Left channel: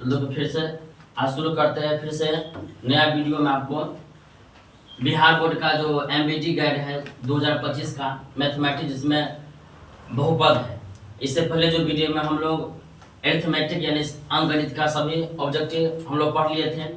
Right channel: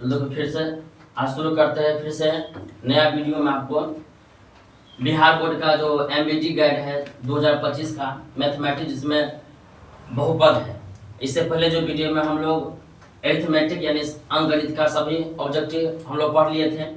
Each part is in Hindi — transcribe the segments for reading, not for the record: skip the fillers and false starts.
तो देखो फिर से आज शुरू करते हैं फिर से नया वीडियो में। आपको बिहार बोर्ड का जो एमबीटी गाइड है 2025 का मैथमेटिक्स, जिसमें बहुपद है। इससे पहले जो वीडियो में हम लोग एरिथमेटिक यानी अंकगणित का सभी ऑब्जेक्टिव हम लोग पढ़ लिए थे।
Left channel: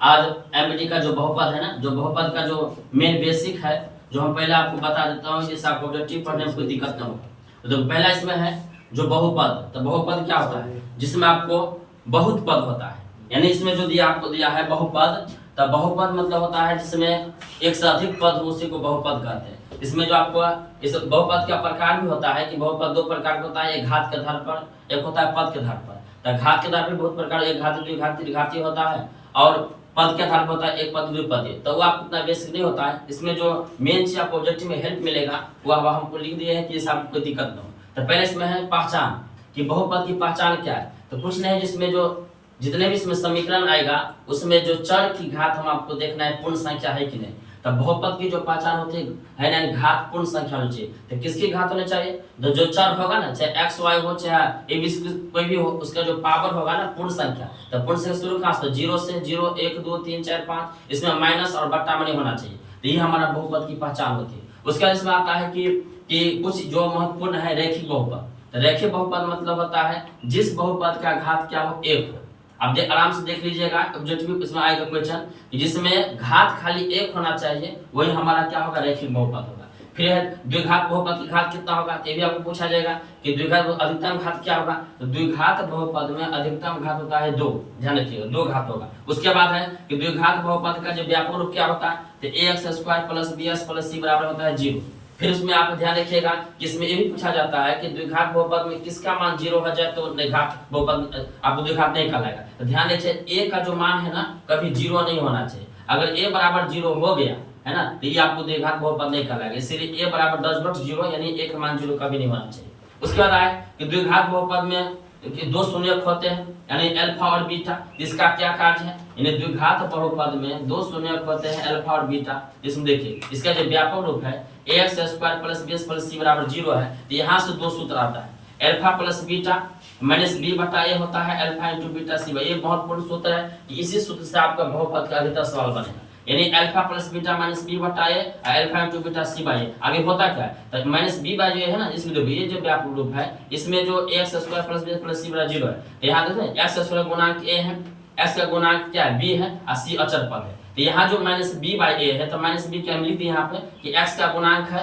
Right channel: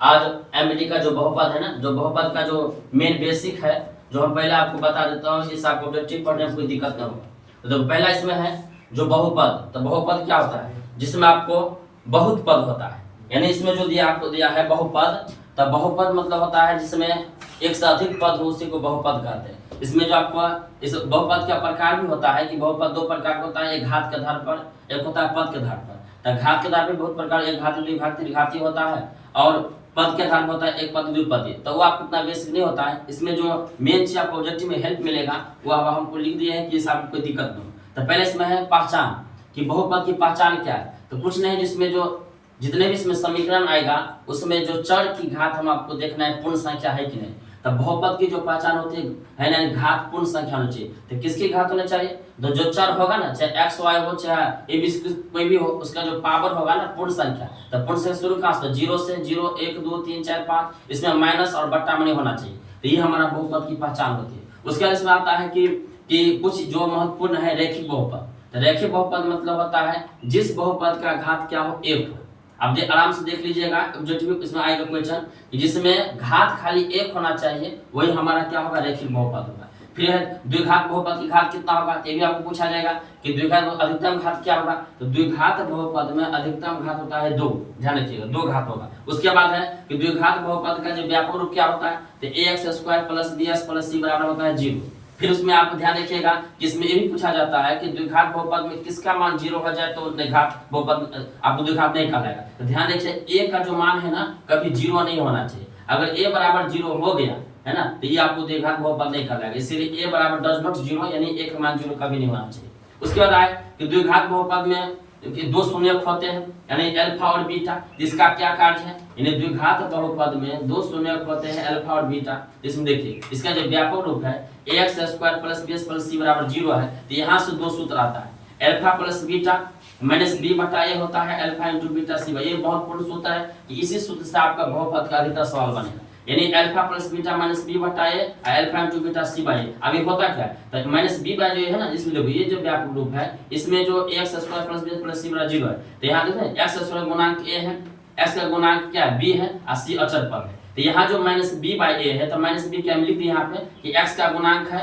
आज एमबीटी का जो बहुपद है ना, जो बहुपद का जो मेन बेसिक है, जो हम पहले आपको बता देता हूँ, इससे आपको ऑब्जेक्टिव पढ़ने में कोई दिक्कत नहीं होगा। तो पहला इसमें है जो बहुपद। तो बहुपद क्या होता है? जिसमें आपको बहुत पद होता है, यानी इसमें जो दिया आपको दिया है बहुपद। तो बहुपद मतलब होता है जिसमें एक से अधिक पद हो, उसी को बहुपद कहते हैं। इसमें जो आपको इस बहुपद का प्रकार भी होता है कि बहुपद दो प्रकार का होता है, एक घात के आधार पर, एक होता है पद के आधार पर। तो घात के आधार पर बहुत प्रकार, एक घाती, द्विघाती, त्रिघाती होता है, और पद के आधार पर होता है एक पद द्विपदी। तो वो आपको इतना बेसिक नहीं होता है। इसमें जो मेन चीज आपको ऑब्जेक्टिव में हेल्प मिलेगा वो अब हमको लिख दिए हैं कि इससे आपको कोई दिक्कत न हो। तो पहले इसमें है पहचान कि बहुपद की पहचान क्या है। तो कुछ नहीं, जिसमें जो जितने भी इसमें समीकरण आएगा उसमें जो चर की घात हम आपको देखना है पूर्ण संख्या है कि नहीं। तब बहुपद की जो पहचान होती है यानी घात पूर्ण संख्या होनी चाहिए। तो किसकी घात होनी चाहिए? तो जो चर होगा ना, चाहे एक्स वाई हो चाहे ए बी कोई भी हो, उसका जो पावर होगा ना पूर्ण संख्या। तो पूर्ण संख्या शुरू कहाँ से? 0 से 0 1 2 3 4 5, इसमें माइनस और बट्टा में नहीं होना चाहिए। तो ये हमारा बहुपद की पहचान होती है। उसके बाद इसमें आता है कि कुछ जो महत्वपूर्ण है रैखिक बहुपद। तो रैखिक बहुपद मतलब होता है जिस बहुपद का घात क्या हो, एक हो। आप आराम से देख लीजिएगा, ऑब्जेक्टिव इसमें आएगा क्वेश्चन कि जिसमें घात खाली एक होना चाहिए, वही हमारा क्या होगा? रैखिक बहुपद होगा। फिर द्विघात बहुपद की घात कितना होगा, ये भी आपको पूछा जाएगा कि द्विघात अधिकतम घात क्या होगा। तो द्विघात बहुपद में अधिकतम घात होता है 2, ध्यान रखिएगा 2 घात होगा। उसके बाद है कि द्विघात बहुपद का जो व्यापक रूप क्या होता है, तो ax² + bs + c बराबर होता है 0। फिर उसमें आप ध्यान रखिएगा कि इसमें ये भी पूछा जाता है कि द्विघात बहुपद में किसका मान 0 हो जाए तो घात बहुपद आपको द्विघात नहीं कहलाएगा। तो ध्यान रखिए a का जो मान है ना कभी 0 नहीं होना चाहिए। अगर a बराबर 0 हो गया है ना, तो ये आपको द्विघात बहुपद नहीं कहलाएगा। इसलिए a बराबर डज नॉट 0 यानी a का मान 0 कभी नहीं होना चाहिए। उसके बाद आए कि द्विघात बहुपद में दो शून्यक होते हैं यानी अल्फा और बीटा, जिसका क्या कार्य है? यानी द्विघात बहुपद में दो शून्यक होते हैं अल्फा और बीटा। इसमें देखिए इसका जो व्यापक रूप है ax² + bs + c बराबर 0 है। तो यहाँ से दो सूत्र आता है, अल्फा + बीटा माइनस b बटा a होता है अल्फा × बीटा c। ये महत्वपूर्ण सूत्र है कि इसी सूत्र से आपका बहुपद का अधिकतर सवाल बनेगा, यानी अल्फा + बीटा माइनस b बटा a alpha × beta c by a। आगे होता क्या है? तो माइनस b बाई जो है ना, इसमें देखो ये जो व्यापक रूप है इसमें जो ax² + bs + c बराबर 0 है। तो यहाँ देखते हैं x² गुणांक a है, x का गुणांक क्या है? b है, और c अचर पद है। तो यहाँ जो माइनस b बाई a है, तो माइनस b क्या लिख दिए यहाँ पे कि x का गुणांक है,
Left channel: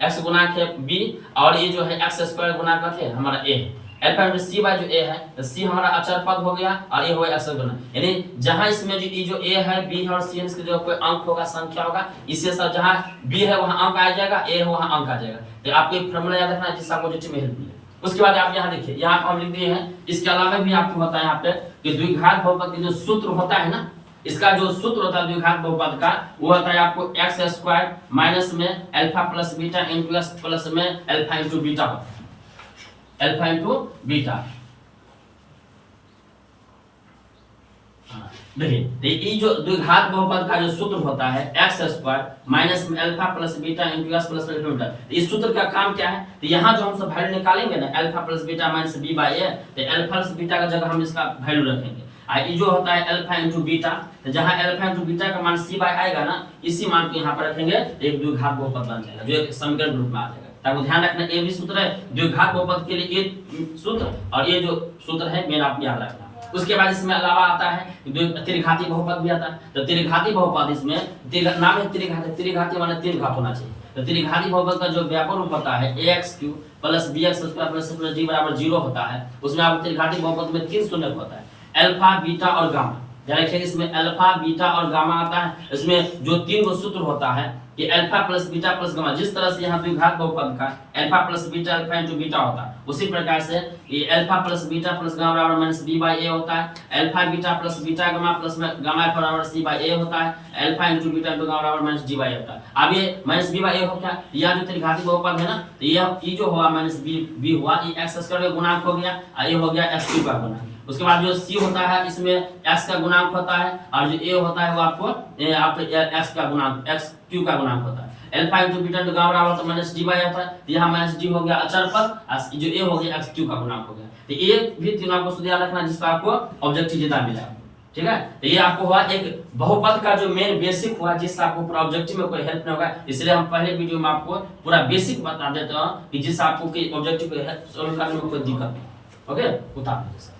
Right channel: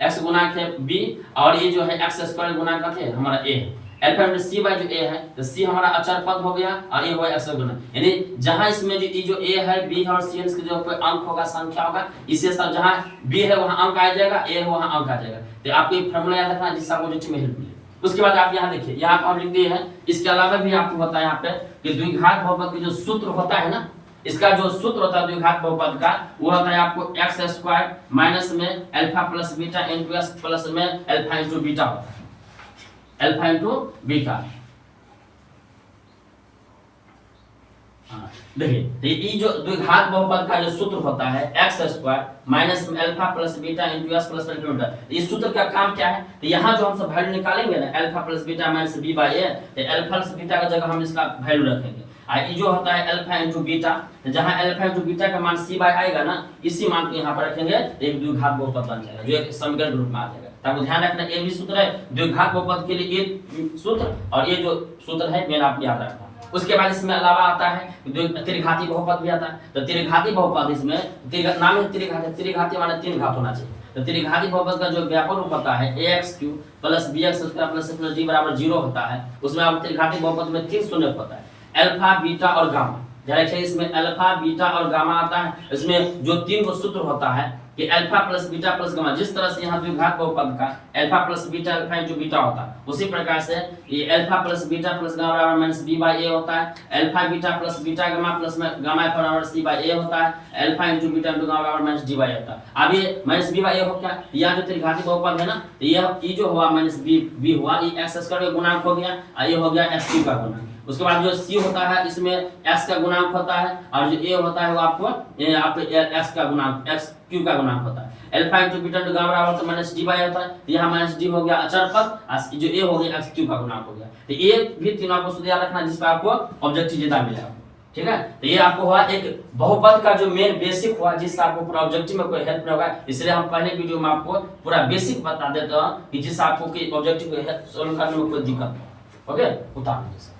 x गुणांक है b, और ये जो है x² गुणांक क्या है? हमारा a है। अल्फा × c बाई जो a है, तो c हमारा अचर पद हो गया और a हो गया x गुणांक। यानी जहां इसमें जो a है, b है और c है, इसके जो कोई अंक होगा, संख्या होगा, इससे सब जहां b है वहां अंक आ जाएगा, a है वहां अंक आ जाएगा। तो आपको एक फार्मूला याद रखना है जिससे आपको जो में हेल्प मिले। उसके बाद आप यहाँ देखिए, यहाँ हम लिख दिए हैं। इसके अलावा भी आपको बताया यहाँ पे कि द्विघात बहुपद की जो सूत्र होता है ना, इसका जो सूत्र होता है द्विघात बहुपद का, वो होता है आपको x² माइनस में अल्फा + बीटा × s प्लस में अल्फा × बीटा होता है, अल्फा × बीटा। देखिए तो ये जो द्विघात बहुपद का जो सूत्र होता है x² माइनस में alpha + beta × s plus alpha beta. इस सूत्र का काम क्या है? तो यहाँ जो हम सब वैल्यू निकालेंगे ना, alpha + beta minus b by a, तो अल्फा + बीटा का जगह हम इसका वैल्यू रखेंगे। ये जो होता है अल्फा × बीटा, तो जहाँ अल्फा × बीटा का मान c बाई आएगा ना, इसी मान को यहाँ पर रखेंगे तो एक द्विघात बहुपद बन जाएगा, जो एक समीकरण रूप में आ जाएगा। ताकि ध्यान रखना ये भी सूत्र है द्विघात बहुपद के लिए, ये सूत्र और ये जो सूत्र है मेन आप याद रखना। उसके बाद इसमें अलावा आता है त्रिघाती बहुपद भी आता है। तो त्रिघाती बहुपद इसमें नाम है त्रिघाती, त्रिघाती माने 3 घात होना चाहिए। तो त्रिघाती बहुपद का जो व्यापक रूप होता है ax³ + bx² + d बराबर 0 होता है। उसमें आप त्रिघाती बहुपद में 3 शून्य होता है, अल्फा बीटा और गामा। ध्यान रखिए इसमें अल्फा बीटा और गामा आता है। इसमें जो 3 को सूत्र होता है कि अल्फा + बीटा + गामा, जिस तरह से यहाँ द्विघात बहुपद का अल्फा + बीटा अल्फा × बीटा होता है, उसी प्रकार से ये अल्फा + बीटा + गामा बराबर माइनस b बाई a होता है। Alpha beta + beta gamma plus में गामा बराबर c बाई a होता है। अल्फा × बीटा × गामा बराबर माइनस d बाई a होता है। अब ये माइनस b बाई a हो क्या? यह जो त्रिघाती बहुपद है ना, तो ये जो हुआ माइनस b हुआ, ये x² का गुणांक हो गया, ये हो गया x³ का गुणांक। उसके बाद जो c होता है इसमें x का गुणांक होता है, और जो a होता है वो आपको x का गुणांक x³ का गुणांक होता है। Alpha into beta into gamma बराबर तो माइनस डी बाई आता है, तो यहाँ माइनस डी हो गया अचर पर, जो ए हो गया एक्स क्यू का गुणांक हो गया। तो ये भी तीनों आपको सूत्र याद रखना जिसका आपको ऑब्जेक्टिव ज्यादा मिला है, ठीक है। तो ये आपको हुआ एक बहुपद का जो मेन बेसिक हुआ, जिससे आपको पूरा ऑब्जेक्टिव में कोई हेल्प नहीं होगा, इसलिए हम पहले वीडियो में आपको पूरा बेसिक बता देते हैं कि जिससे आपको ऑब्जेक्टिव को सोल्व करने में कोई दिक्कत नहीं। ओके, उतार दीजिए।